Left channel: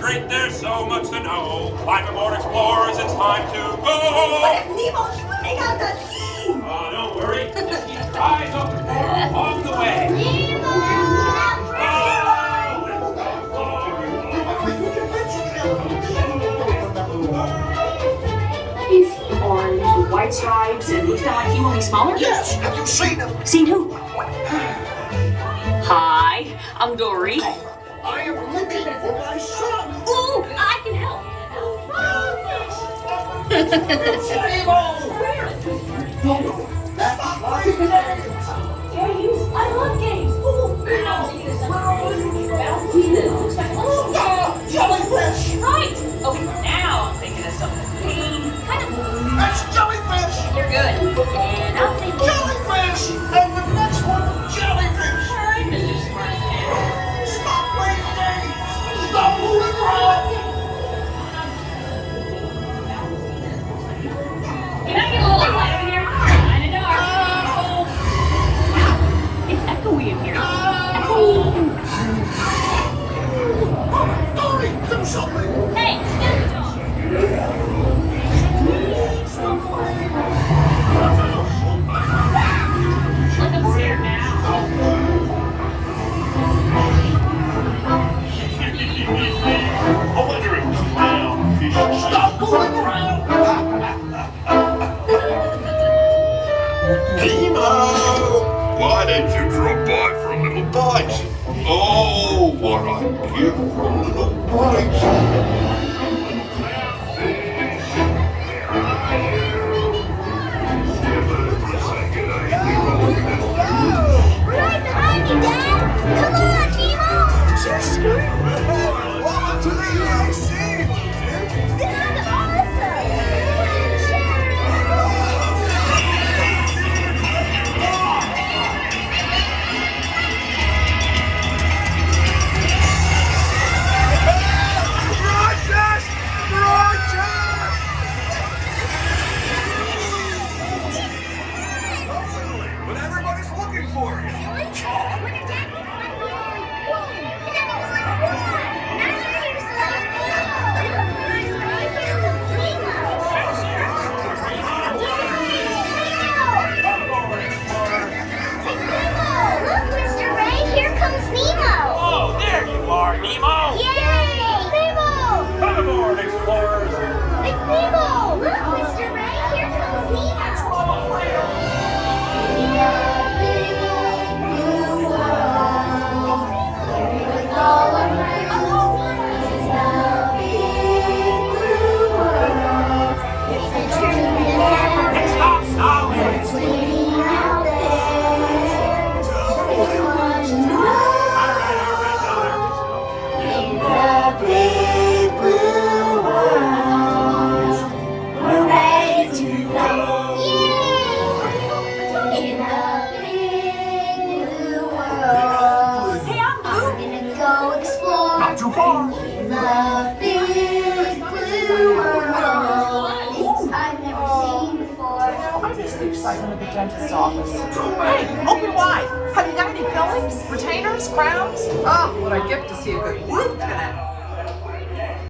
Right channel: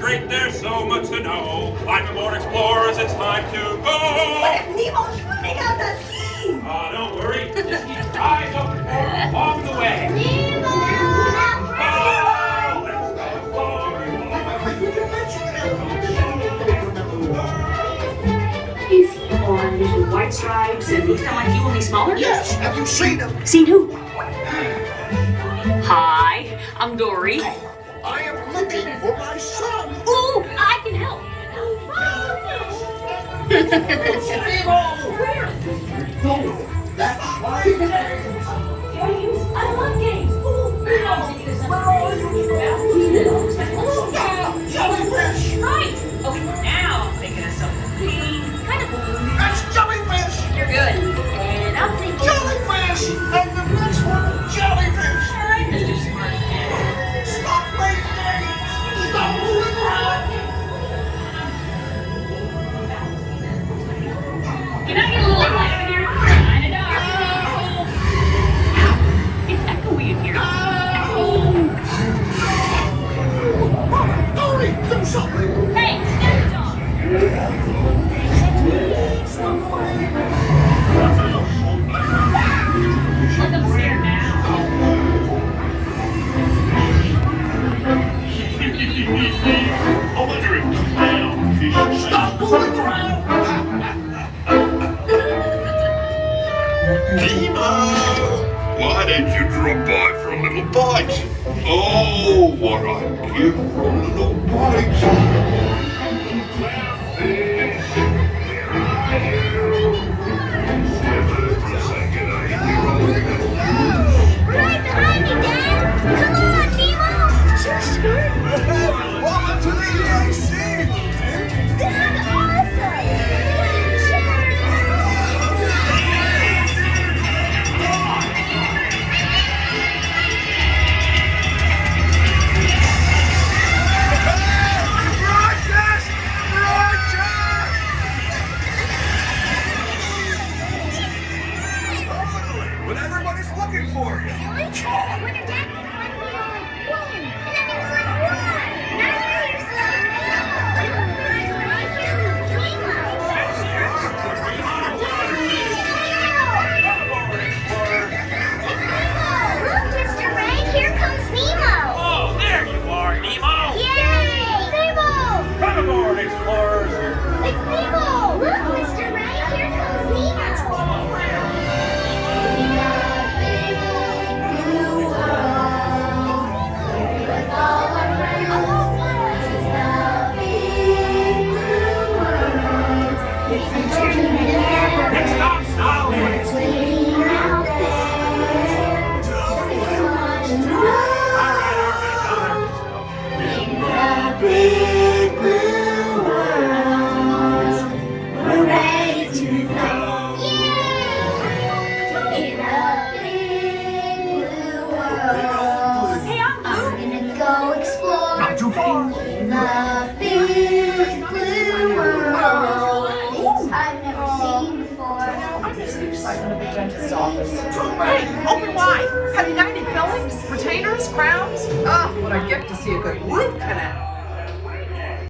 great, there's so much to know. On board explorers, it's time to go. But if Nemo's running out the key! Don't worry. Just keep your eyes open for him along the way. Is he orange with white stripes and looks kind of like he will be smaller? Yes, have you seen him? Seen who? Hi, I'm Dory. I am looking for my son. Ooh, I can help. It's Nemo. No, that's my name. I love games. Where are you? Jellyfish. Right. Okay, now I'm thinking of something kind of. That's jellyfish. You're good. And I'm thinking. Jellyfish. And the next one, jellyfish. All right, Mr. Smart Man. Stop wasting. Stop moving around. Can I get a little light in here? Kinda dark. It's echoey in here. Dory, do something. Hey, step dog. Look up here now. I wonder if clownfish Stop moving around. Nemo! Why don't you drop by for a little bite? Oh, what I'd give for a little bite. Little clownfish, where are you? Never for a second I hear all that news. Right behind me, Dad! Come on, Nemo! Just welcome to the EAC. This is awesome! But everybody's looking for you. Oh, there you are, Nemo. Come aboard, explorers. Stop, stop. Not too far. I miss the excitement of the dentist's office. Hey, open wide. Have you got any fillings, retainers, crowns? Oh, what a gift to see a good root canal.